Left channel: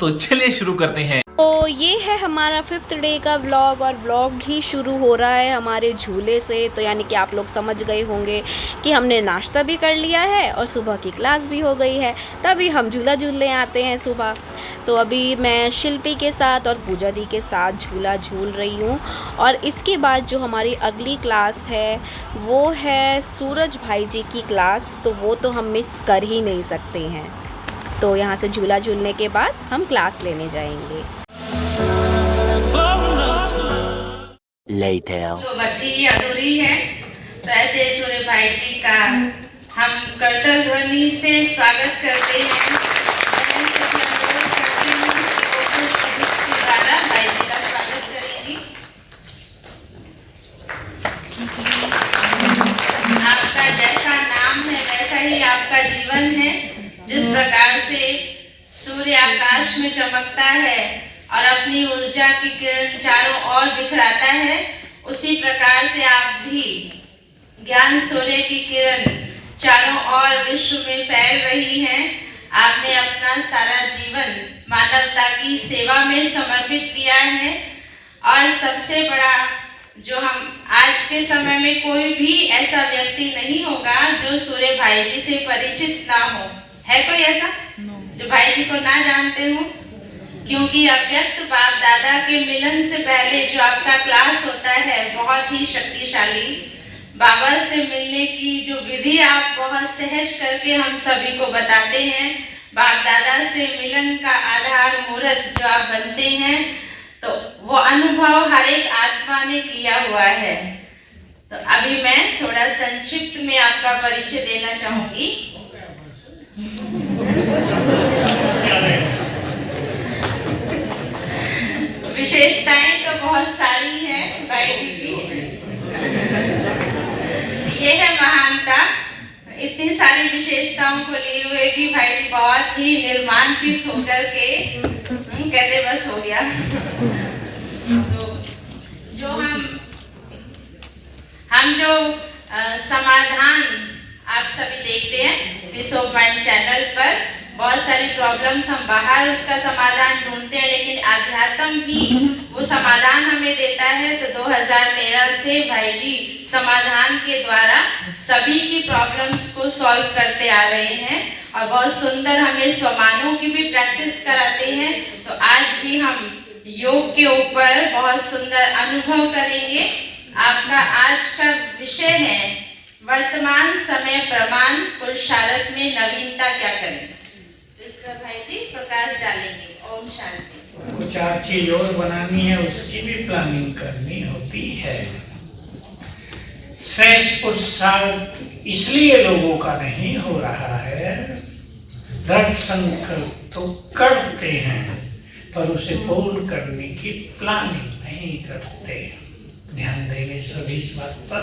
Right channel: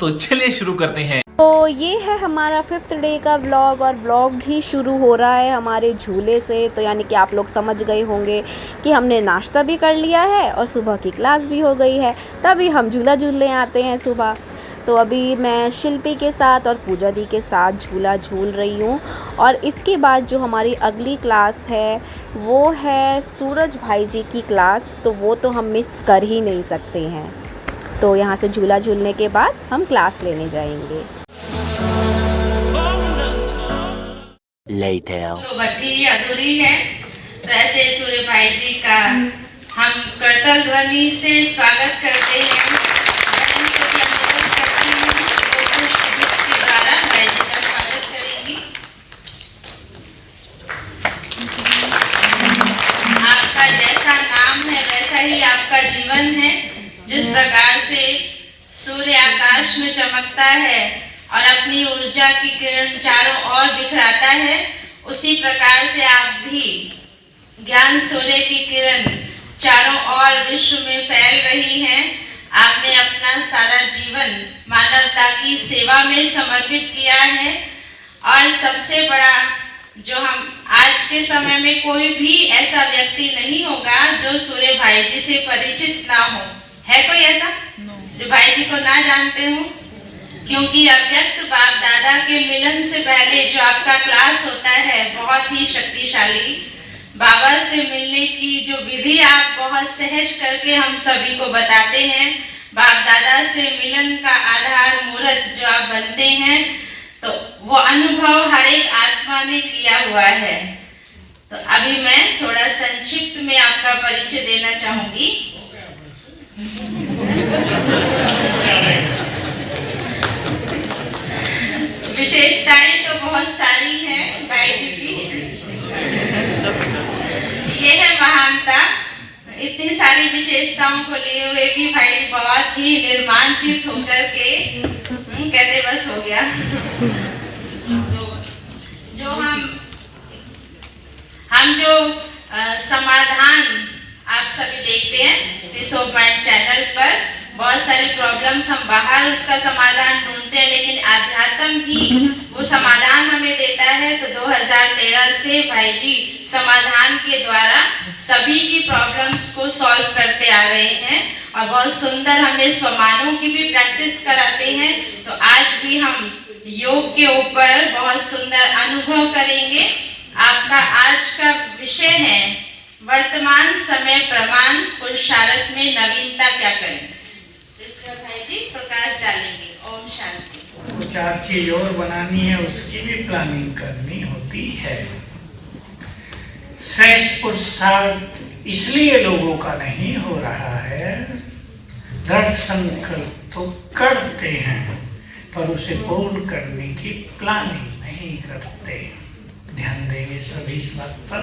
तो चलिए शुरू करते हैं। तो ये है हमारा 5th डे का व्लॉग और व्लॉग ही शुरू हो रहा है हमारे झूले से। तो यानी कि आप लोग समझ गए होंगे कि हमने नाश्ता भी कर लिया है और सुबह की क्लास भी हो गई है, तभी हम झूला झूलने आते हैं सुबह। तो अभी मैं शिल्पी के साथ और पूजा दी के साथ झूला झूल रही हूँ। और इसके बाद जो हमारी अगली क्लास है वो है सूरज भाई जी की क्लास, तो वो तो हम मिस कर ही नहीं सकते हैं। तो यहाँ से झूला झूलने के बाद हम क्लास लेने जाएंगे। जो भट्टी अधूरी है, तो ऐसे सूर्य भाई जी का हम करतल ध्वनि से स्वागत करते हैं। बहन को भी अनुरोध करती हूँ कि वो पुष्प के द्वारा भाई जी का स्वागत करेंगी। आपका जैसा नाम है वैसा ही आपका जीवन है। जिस प्रकार से सूर्य आकाश में चमकता है और अपनी ऊर्जा की किरण चारों ओर बिखराता है, उसी प्रकार से आप भी ज्ञान सूर्य की किरण चारों ओर विश्व में फैल रही हैं। आपने अपना सारा जीवन मानवता की सेवा में समर्पित किया है। और सबसे बड़ा जो हम आज के समय में कोई भी ऐसा व्यक्ति नहीं होगा जो सूर्य भाई जी से परिचित ना हो। है कोई ऐसा जो भाई जी को ना जानते हो? क्योंकि अव्यक्त बाप दादा के मिलन से पहले जो आपका क्लास होता है बहुत ही शक्तिशाली। बाबा से मिलने की जो विधि आप बहुत सहज करके हम सभी को बताते हैं। बाप दादा से मिलन का आधार मुहूर्त जो आप बनते हैं, तो वो अनुभव हर एक आत्मा ने किया हुआ है। तो अभी मैं थोड़ा संक्षिप्त में आपका परिचय देना चाहूंगी। विशेषताएं तो बहुत सारी हैं भाई जी की। ये है महानता। इतनी सारी विशेषताओं को लिए हुए भी भाई जी बहुत ही निर्मांचित होकर के कहते बस हो गया। तो जो हम जो समाधान आप सभी देखते हैं इस पॉइंट चैनल पर, बहुत सारी प्रॉब्लम्स हम बाहर उसका समाधान ढूंढते हैं, लेकिन आध्यात्म ही वो समाधान हमें देता है। तो 2013 से भाई जी समाधान के द्वारा सभी की प्रॉब्लम्स को सॉल्व करते आ रहे हैं और बहुत सुंदर हमें स्वमानों की भी प्रैक्टिस कराते हैं। तो आज भी हम योग के ऊपर बहुत सुंदर अनुभव करेंगे। आपका आज का विषय है वर्तमान समय प्रमाण पुरुषार्थ में नवीनता क्या करें। भाई जी प्रकाश डालेंगे। ओम शांति। कुछ चीज और बनानी है, उसकी भी प्लानिंग करनी होती है। श्रेष्ठ पुरुषार्थ इसलिए लोगों का नहीं हो रहा है, दृढ़ संकल्प तो करते हैं पर उसे पूर्ण करने की प्लानिंग नहीं करते। ध्यान देंगे सभी इस बात पर।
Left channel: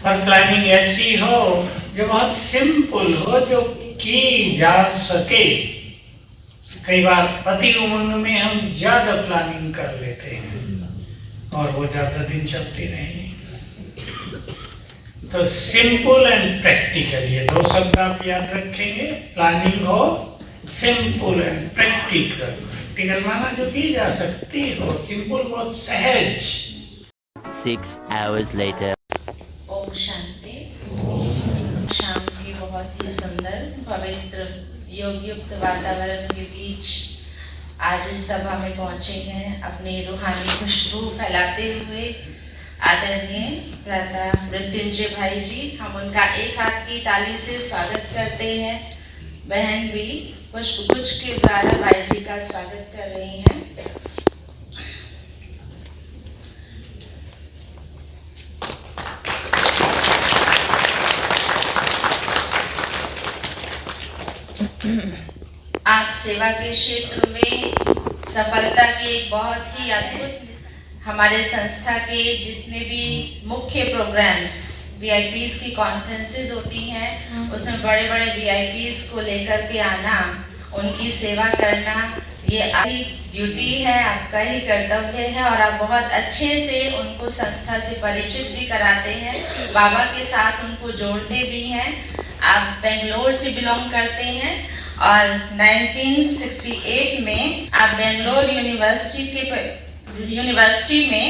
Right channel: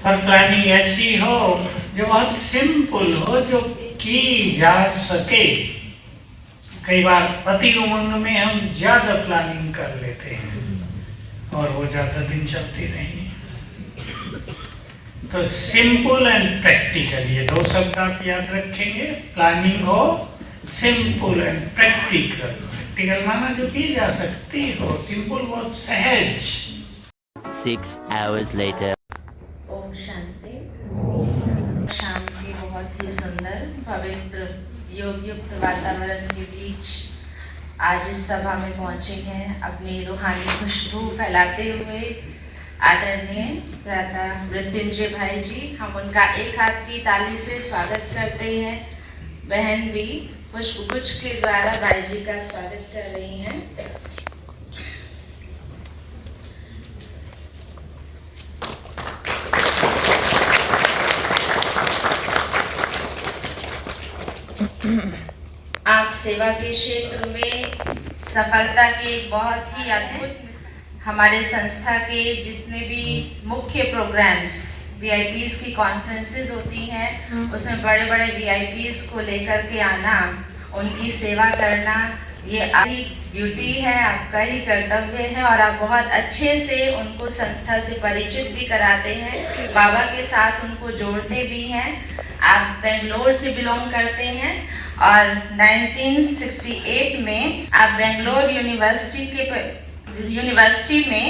और प्लानिंग ऐसी हो जो बहुत सिंपल हो, जो की जा सके। कई बार अति उमंग में हम ज्यादा प्लानिंग कर लेते हैं और वो ज्यादा दिन चलती नहीं। तो सिंपल एंड प्रैक्टिकल, ये दो शब्द आप याद रखेंगे। प्लानिंग हो सिंपल एंड प्रैक्टिकल। प्रैक्टिकल माना जो की जा सकती हो, सिंपल बहुत सहज। 6 hours later. ओम शांति। शाम की बहुत ही सुंदर पवित्र योग युक्त वातावरण के बीच आज इस सभा में पहुंचे हैं। अपनी रूहानी खुशबू फैलाते हुए आदरणीय भ्राता मृत्युंजय भाई जी, हम उनका एक हाथ की ताली से स्वागत करते हैं। बहन भी पुष्पगुच्छ के द्वारा भाई जी का स्वागत कर रही हैं। आप सेवा के क्षेत्र में सफलता के बहुत ही अद्भुत, हमारे संस्था के जितने भी मुख्य प्रोग्राम्स वीआईपीज की कॉन्फ्रेंसेस होती हैं, उसमें बड़े बड़े वीआईपीज को लेकर के आना, उनकी सेवा करना, ये आपकी ड्यूटी है, आपका ही कर्तव्य है। और आप बहुत अच्छे से उनको संस्था से परिचित भी कराते हैं, बाबा के साथ उनको जोड़ते भी हैं। आप बेंगलोर से बिलोंग करते हैं और 1968 में आप बेंगलोर यूनिवर्सिटी में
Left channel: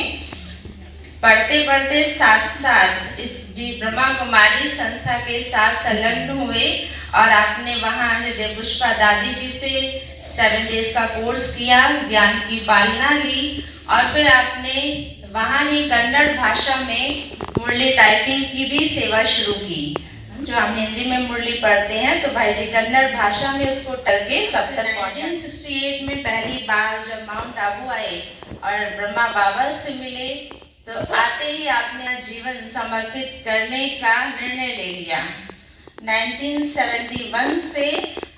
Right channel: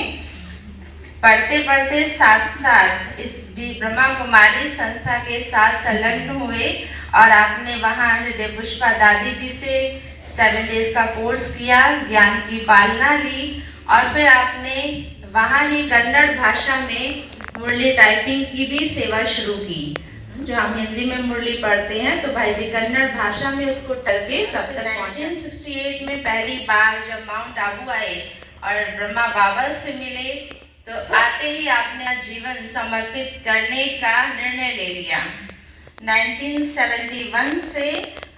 पढ़ते पढ़ते साथ साथ इस ब्रह्मा कुमारी संस्था के साथ संलग्न हुए और आपने वहाँ हृदय पुष्पा दादी जी से 7 डेज का कोर्स किया, ज्ञान की पालना ली और फिर आपने वहाँ ही कन्नड़ भाषा में मुरली टाइपिंग की भी सेवा शुरू की। जो हम हिंदी में मुरली पढ़ते हैं तो भाई जी कन्नड़ भाषा में उसको करके सब तक पहुँचे। 1968 में पहली बार जब माउंट आबू आए और ब्रह्मा बाबा से मिले तो आते ही आपने जीवन समर्पित करने का निर्णय ले लिया। 1971 से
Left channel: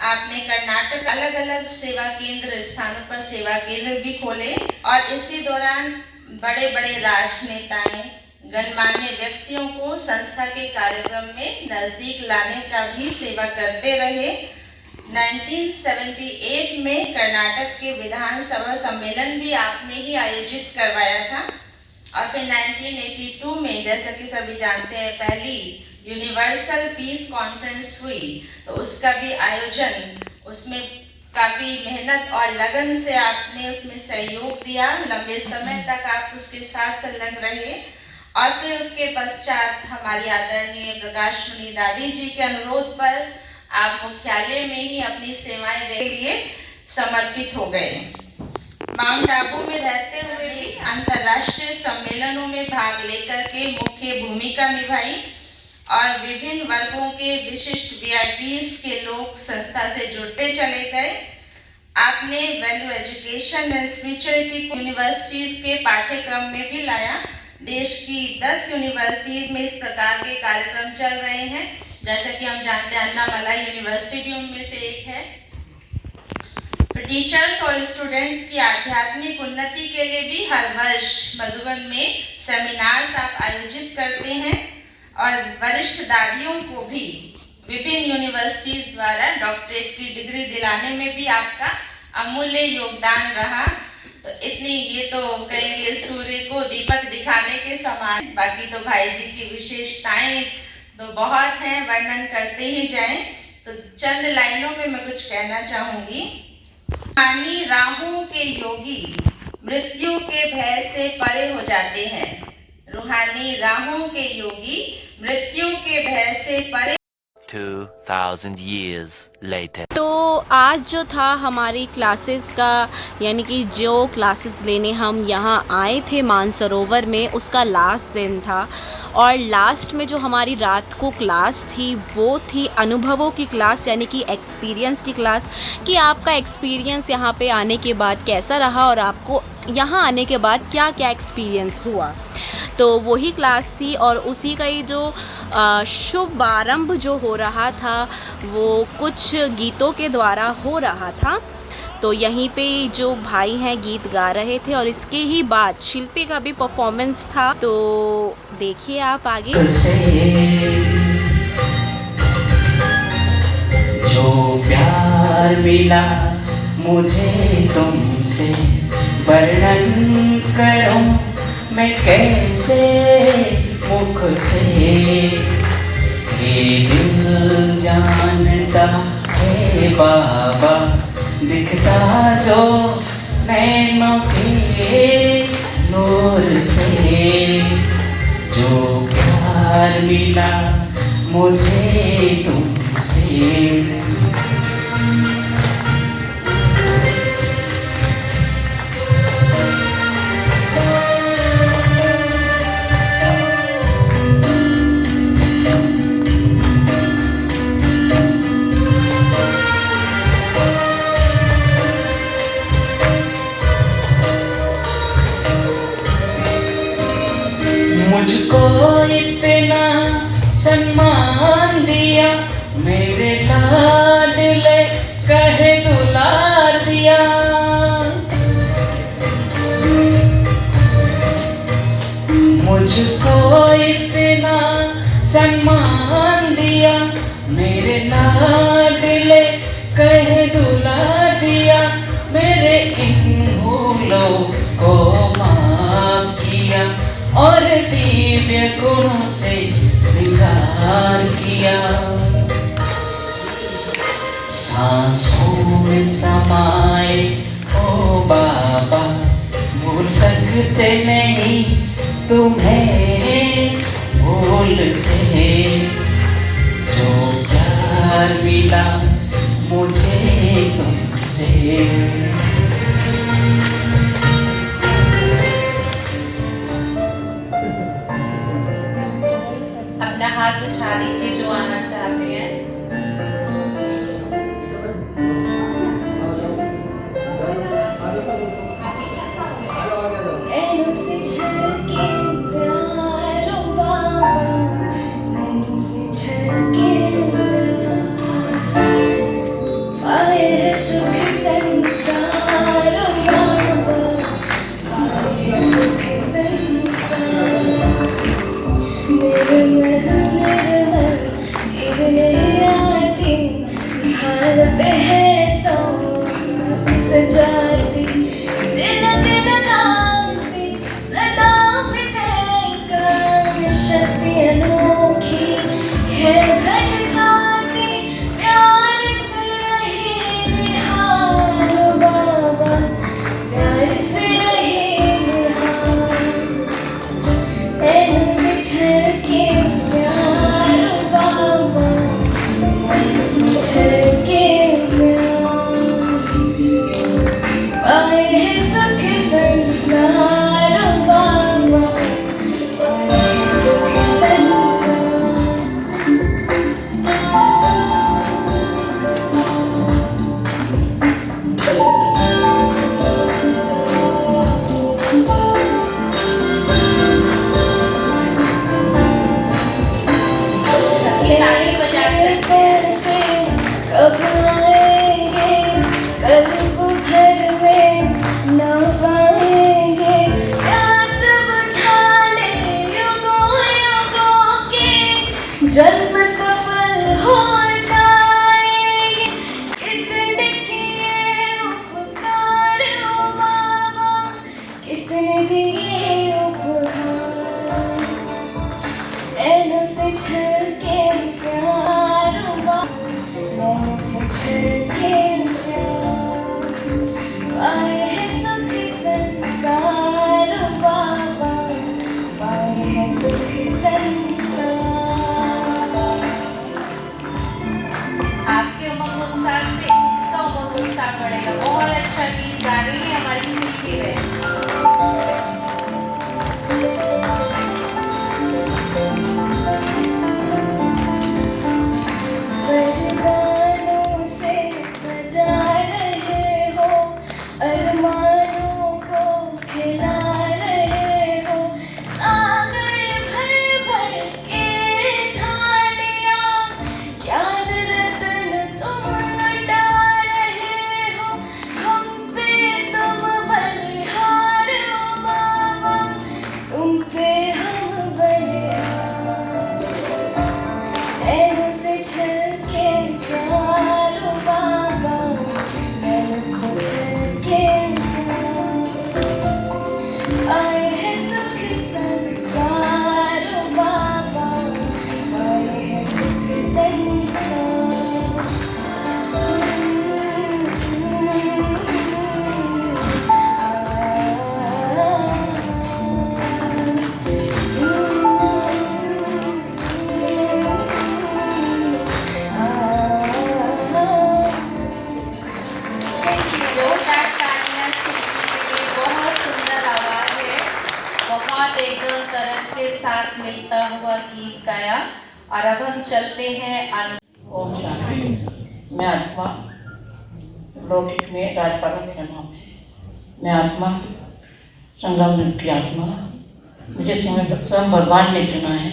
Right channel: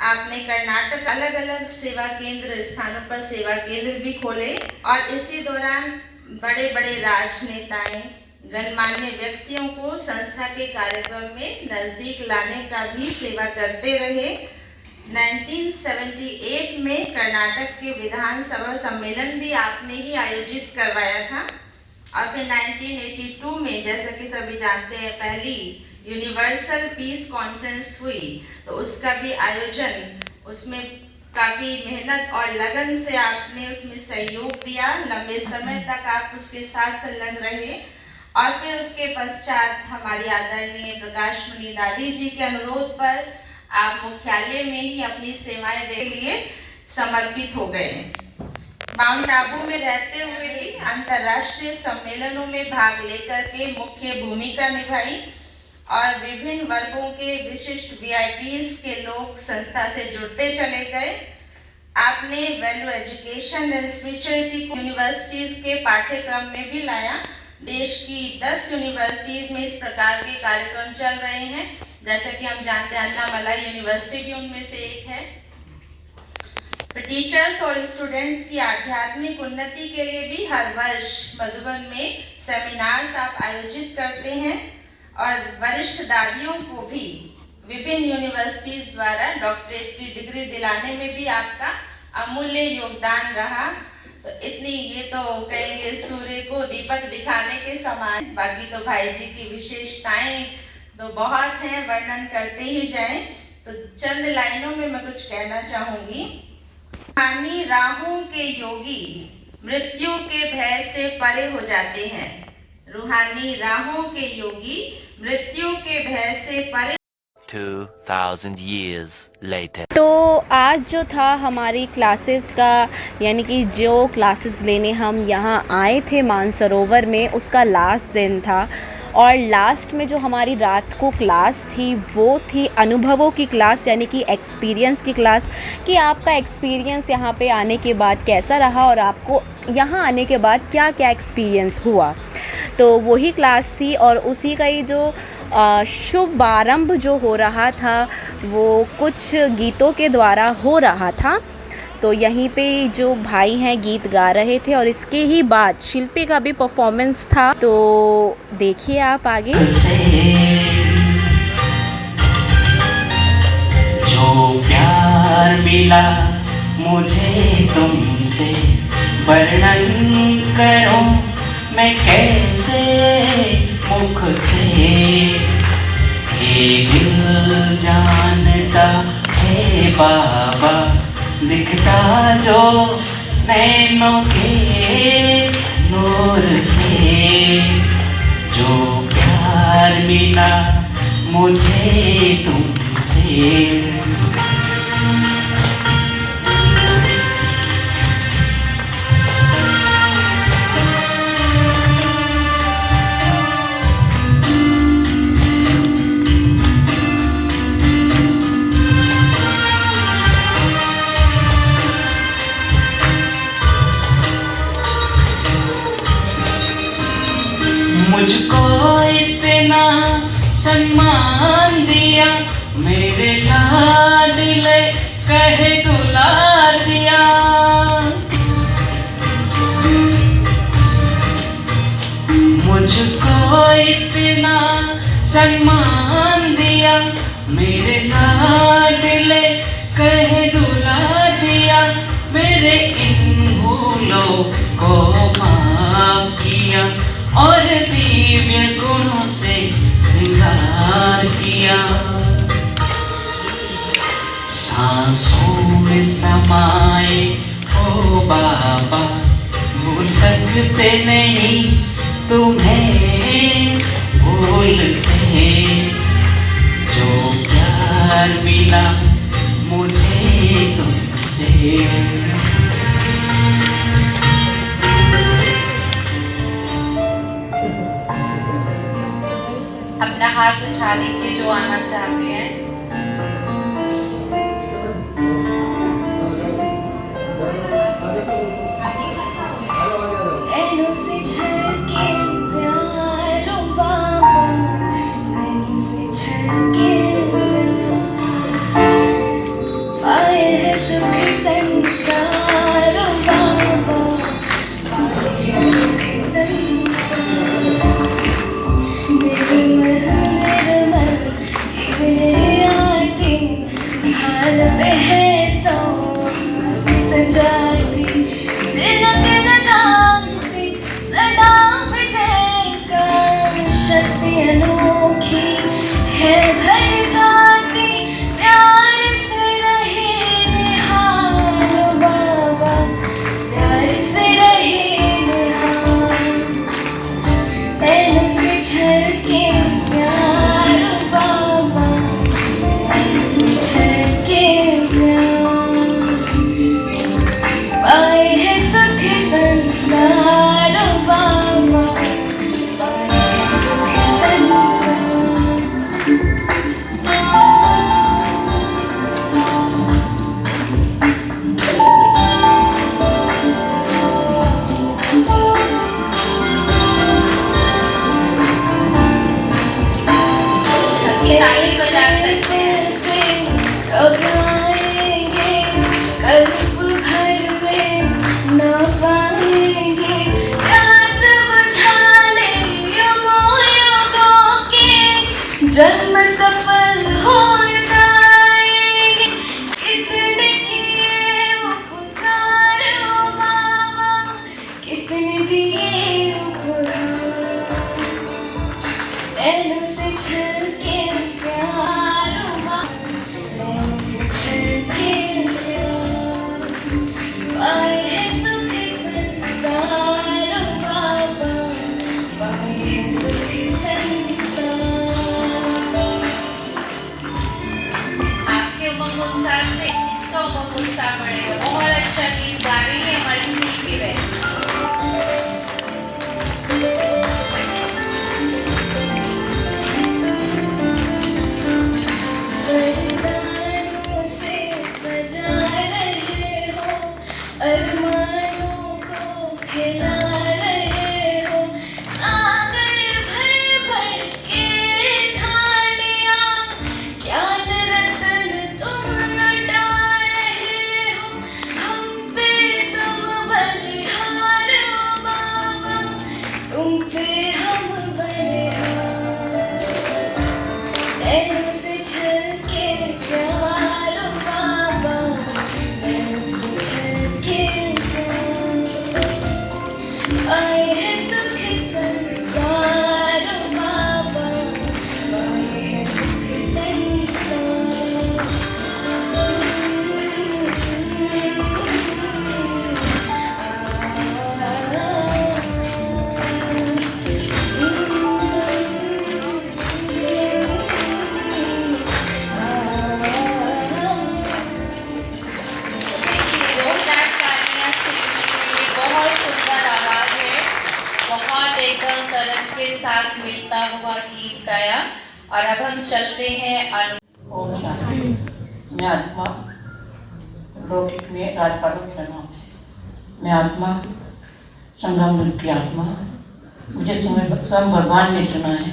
आपने कर्नाटक अलग अलग सेवा केंद्र स्थानों पर सेवा केंद्र भी खोले और इसी दौरान बड़े बड़े राजनेताएं गणमान्य व्यक्तियों को संस्था के कार्यक्रम में नजदीक लाने का भी सेवा करते रहे। 1978 में कर्नाटक के विधानसभा सम्मेलन भी आपने ही आयोजित करवाया था और फिर 1982 में जैसा कि सभी जानते हैं पहली यूनिवर्सल पीस कॉन्फ्रेंस हुई तो उसका भी आयोजन, उसमें काफ़ी मेहनत और लगन से आपने उसमें सहयोग दिया। लंबे समय तक आप उसके साथ संलग्न रहे और फिर उसके पश्चात हमारी आदरणीय प्रकाश मणि दादी जी के अनुरोध पर आप मुख्यालय में ही अपनी सेवाएं देने के लिए समर्पित हो गए। माउंट आबू में रहते हुए भी अंतर्राष्ट्रीय सम्मेलनों में भाग लेकर के मुख्य भूमिका निभाई और विभिन्न वर्गों के विशिष्ट VIPs के लोग संस्था से जुड़ते चले गए। आपने वैल्यू एजुकेशन एंड स्पिरिचुअलिटी को यूनिवर्सिटीज के पाठ्यक्रम में भी लाया। देश की 10 यूनिवर्सिटीज में इस प्रकार के कार्यक्रम चल रहे हैं, जैसा कि हम जानते हैं अन्नामलाई यूनिवर्सिटी भी उनमें से एक है। टीचर्स और स्टूडेंट्स की आध्यात्मिक उन्नति के लिए भी हर वर्ष मधुबन में सेमिनार्स आप आयोजित करते हैं और वरिष्ठ दादियों को भी विभिन्न यूनिवर्सिटीज द्वारा डॉक्टरेट की डिग्री दिलाने में भी आपका अमूल्य योगदान रहा। तो इतनी ये तो कहेंगे सूर्य को दीपक दिखाने के समान। बाकी तो भाई जी की विशेषताएं तो बहुत हैं, वर्णन करते ही जाएं। तो चंद लाइनों में मैं कुछ कहना चाहूँगी। रूहानी राहों के योगी मृत्यु के भय से परे हो जाते हैं। रूहानी राहों के योगी मृत्यु के भय से परे। 2000 years later. तो आज जो था हमारी क्लासेस का, यानी कि जो क्लासेस लेने हम यहाँ आए थे मानसरोवर में, उसका लास्ट दिन था और लास्ट में जो हमारी रात को क्लास थी वो थी अनुभवों की क्लास, यानी कि एक्सपीरियंस की क्लास, कि आपका एक्सपीरियंस यहाँ पे आने के बाद कैसा रहा और आपको यहाँ आने के बाद क्या क्या एक्सपीरियंस हुआ। तो वही क्लास थी और उसी का ही जो शुभारंभ जो हो रहा था वो कुछ गीतों के द्वारा हो रहा था। तो यहीं पे जो भाई हैं गीत गा रहे थे और इसके ही बाद शिल्पी का भी परफॉर्मेंस था। तो देखिए आप आगे। जो प्यार मिला मुझे तुमसे वर्णन करूं मैं कैसे मुख से, ये दिल जानता है बाबा दिखता जो नैनों के नूर से। जो प्यार मिला मुझे तुमसे, मुझको इतना सम्मान दिया मेरे लाडले कहे दुलार दिया। मुझको इतना सम्मान दिया मेरे लाडले कहे दुलार दिया। मेरे इन भूलों को माफ किया और दिव्य गुणों से श्रृंगार किया। सांस में समाए हो बाबा, भूल सकते नहीं तुम्हें भूल से, जो प्यार मिला मुझे तुमसे। अपना हाथ उठा लीजिए जो आना चाहते हैं। जन्म सफल हो जाएंगे, कितने किए उपकार हो बाबा, कितने दिए उपहार, नैनों से छलके प्यार हो बाबा, नैनों से छलके प्यार, पाए है सुख संसार हो बाबा, पाए है सुख संसार। आपके उमंग उत्साह से इसका उमंग उत्साह बढ़ेगा। बहुत अच्छा गीत गा रही है हमारी सीखी है। वरदानों से सजा रहे हो, अरमानों को खिला रहे हो, सागर भर भर के थालियां ज्ञान रतन तुम लुटा रहे हो, हम पे तुम बलिहार हो बाबा, तुम पे हम बलिहार, नैनों से छलके प्यार हो बाबा, नैनों से छलके प्यार, पाए है सुख संसार हो बाबा, पाए है सुख जोरदार तालियां सीखने के लिए। बहुत सुंदर आवाज है, बहुत एकदम तरज के साथ मिलता हुआ गीत गाया। और अब हम चलते हैं ओम शांति। मैं आत्मा लौकिक में राजपालों मेरा नाम है। मैं आत्मा संगम युग की आत्मा। मुझे स्वयं भगवान ने चुना है।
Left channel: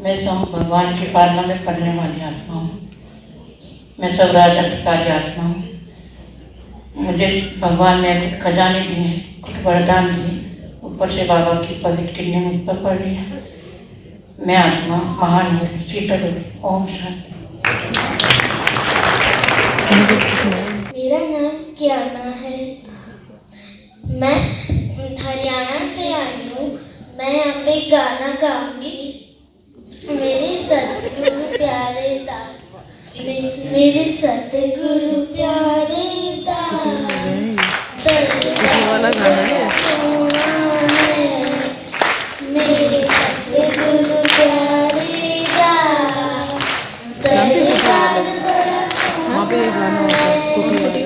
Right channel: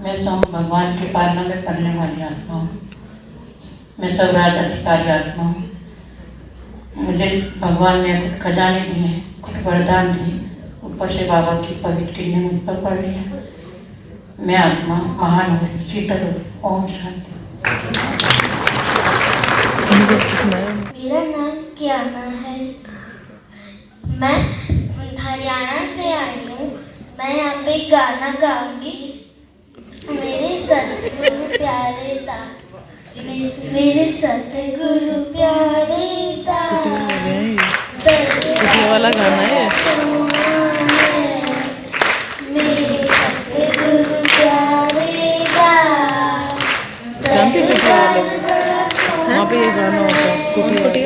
मैं स्वयं भगवान के पालना में पढ़ने वाली आत्मा हूँ। मैं सब राज अधिकारी आत्मा हूँ। मुझे भगवान ने कुछ खजाने दिए, कुछ वरदान दिए, ऊपर से बाबा की पवित्र किरणें मुझ पर पड़ रही है। मैं आत्मा महान हूँ, शीतल हूँ। ओम शांति। मेरा नाम कियाना है। मैं हरियाणा से आई हूँ। मैं यहाँ पे गाना गाऊंगी। मेरे सतगुरु प्यारे मेरे सतगुरु प्यारे वाला गाना है। मेरे सतगुरु प्यारे का जानते हैं कुटिया वाले? वहाँ पे ये गाना होता है कुटिया वाले।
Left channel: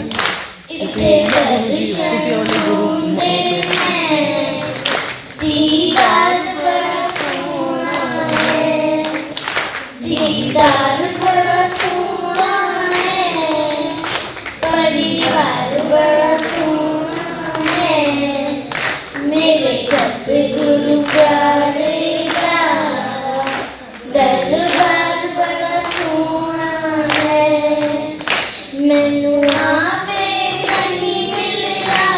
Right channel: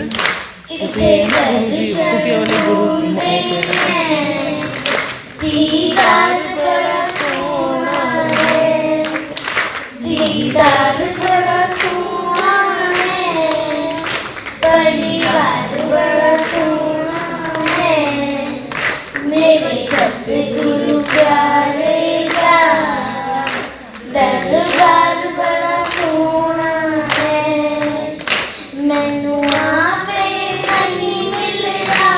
जैसे ये है ना गुरु जी, कुटिया वाले गुरु होते हैं। दीदार बड़ा सोना है, दीदार बड़ा सोना है, परिवार बड़ा सोना है, मेरे सतगुरु प्यारे का दरबार बड़ा सोना है। मैनू आपे नहीं मिलया,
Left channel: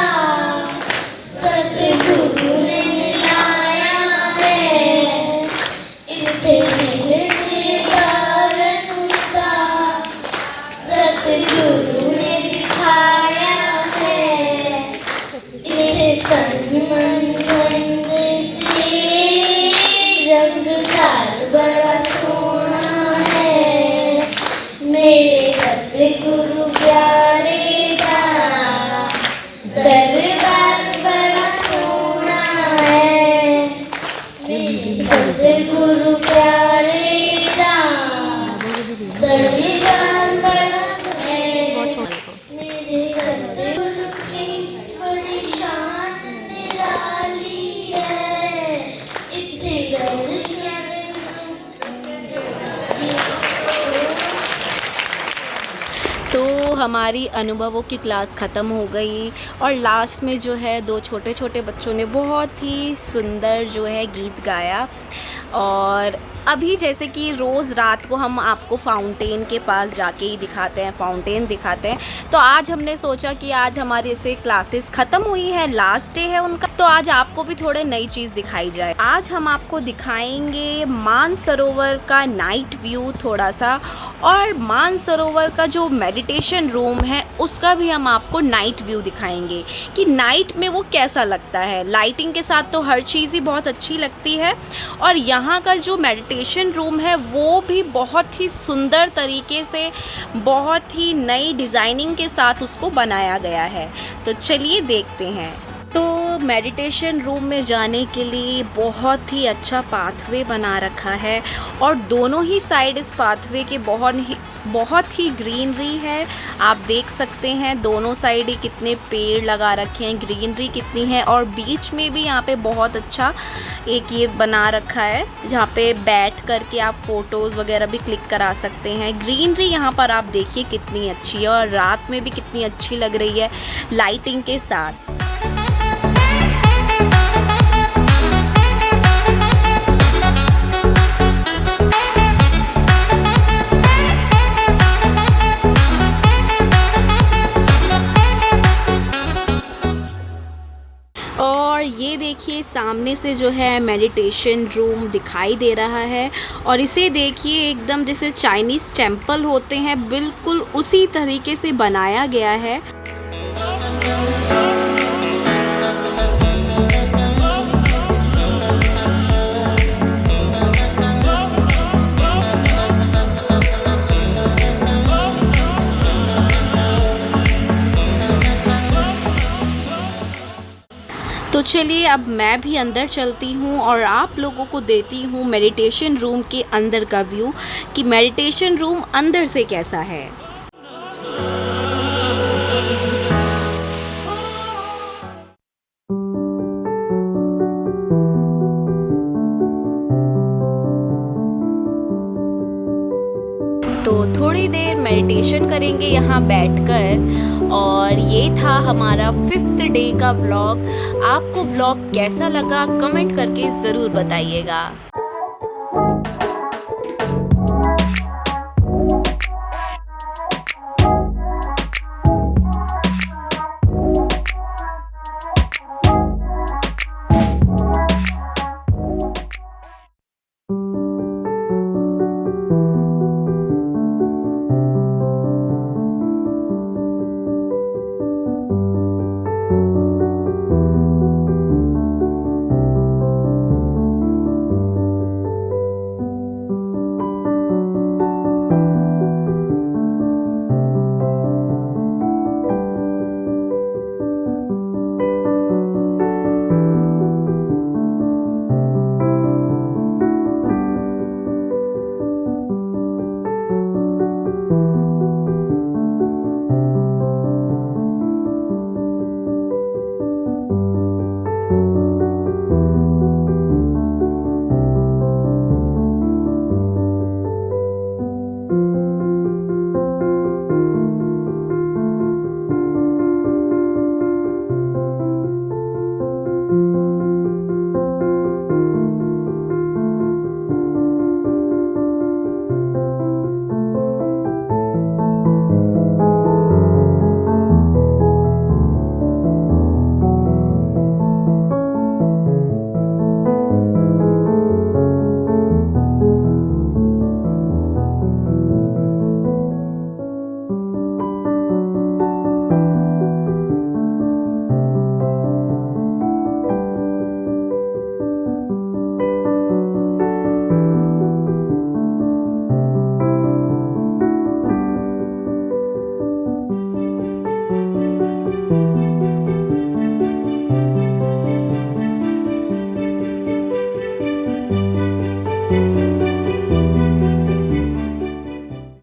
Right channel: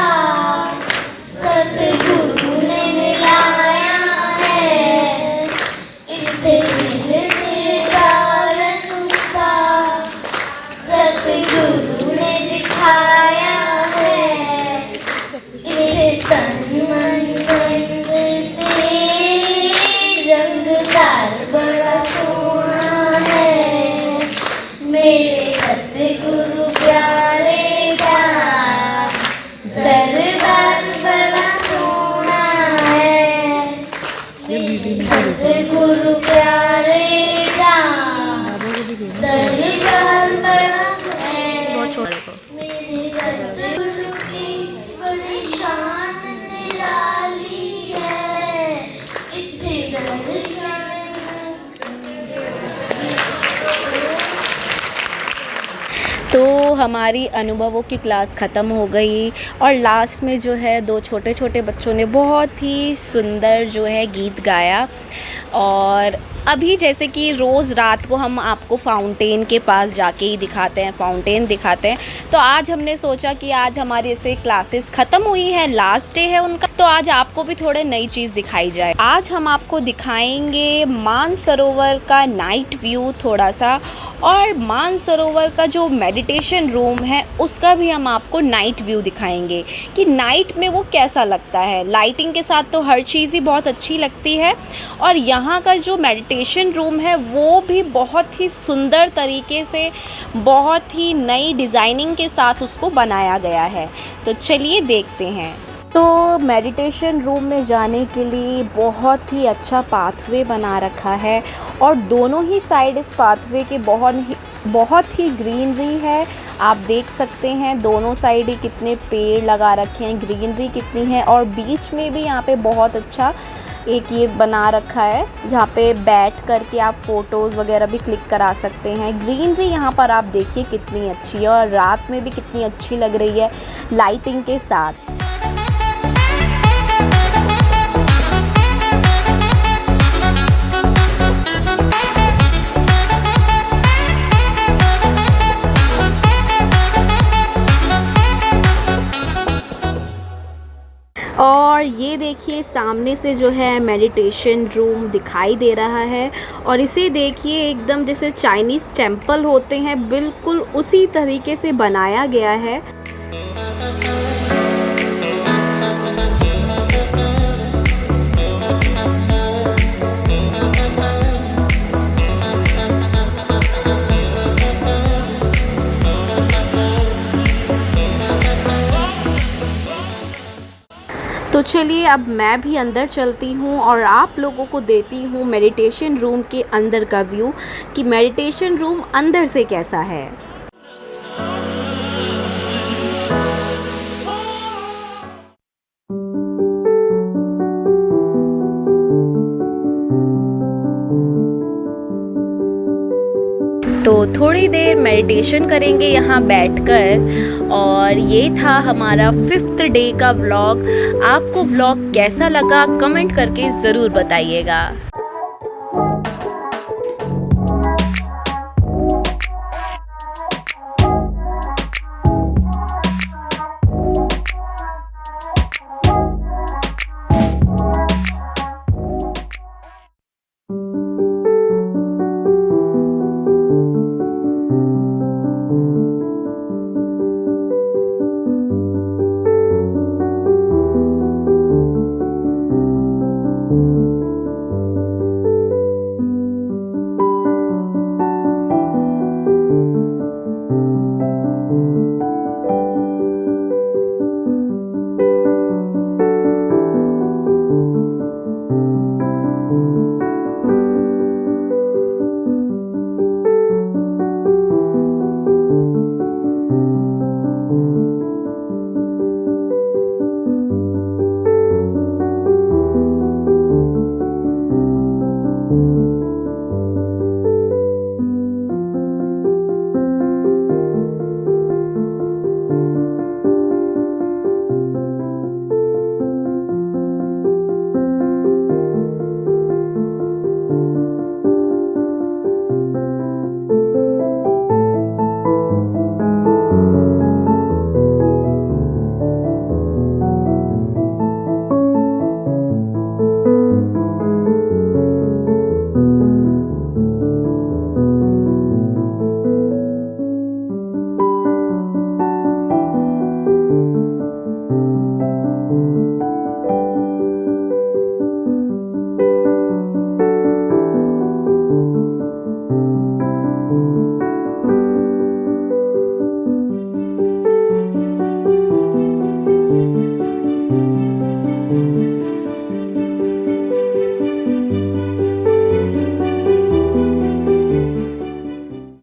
सतगुरु ने मिलाया है। इत्थे दिल तेरा रसूला सतगुरु ने दिखाया है। इत्थे तन मन धन ते रंगदार बड़ा सोना है, मेरे सतगुरु प्यारे का दरबार बड़ा सोना है। सतगुरु प्यारे का दरबार बड़ा सोना है। मेरे सतगुरु की बड़ी शान निराली है। इत्थे दर्शन तो हमारी अनुभवों की क्लास ख़त्म हो गई और लास्ट में जो है 2 छोटे छोटे बच्चों ने बहुत ही सुंदर जो है गीत गाया। और अभी जैसे कि रोज़ रात को हम आपको फाउंटेन के पास जाके ही दिखाते हैं, फाउंटेन दिखाते हैं, तो आज हमने सोचा कि आज हमारी ऐसे क्लासेस ख़त्म हुई है, लास्ट डे है उनका, तो आज आपको भी थोड़े नई चीज़ दिखाई जाए। आज हम आपको दिखाएंगे मानसरोवर का नाइट व्यू थोड़ा सा, और मानसरोवर का जो मेडिटेशन रूम है उसका भी हम आपको नाइट व्यू दिखाएंगे कि नाइट में वो कैसा लगता है। लाइटिंग के साथ तो हर चीज़ ही बहुत अच्छी लगती है, और यहाँ का जो मेडिटेशन रूम है वो भी बहुत ही सुंदर तरीके से, बहुत ही नई डिज़ाइनिंग के साथ उसको बनाया गया है। तो चलिए देखते हैं। तो मेडिटेशन रूम में जाने के लिए बहुत ही अच्छा पाथवे बना रखा है, और दोनों ही साइड इस पाथवे के बहुत ही ग्रीनरी है। आप देख सकते हैं दोनों साइड ही कितने पेड़ लगा रखे हैं, ग्रीनरी कितनी है, और बीच में भी यहाँ पे बहुत अच्छा एक ये बना रखा है जहाँ पे बैठ करके आप फ़ोटोज़ वगैरह भी क्लिक करा सकते हैं। ग्रीनरी यहाँ पर आप देखिए कितनी अच्छी है, और रात में भी कितनी अच्छी लग रही है लाइटिंग के साथ। और ये देखिए सामने से जो है मेडिटेशन रूम दिखाई दे रहा है, और इसे देखिए एकदम जैसे चाइनीज़ टेम्पल होते हैं बिल्कुल उसी तरीके से बनाया गया है। तो चलिए अब मैं भी अंदर चलती हूँ और आप लोगों को देती हूँ मेडिटेशन रूम के अंदर का व्यू कि मेडिटेशन रूम अंदर से कैसा है। तो थोड़ी देर मेडिटेशन करेंगे यहाँ बैठकर, और ये था हमारा 5th डे का व्लॉग। आपको व्लॉग कैसा लगा कमेंट करके ज़रूर बताइएगा।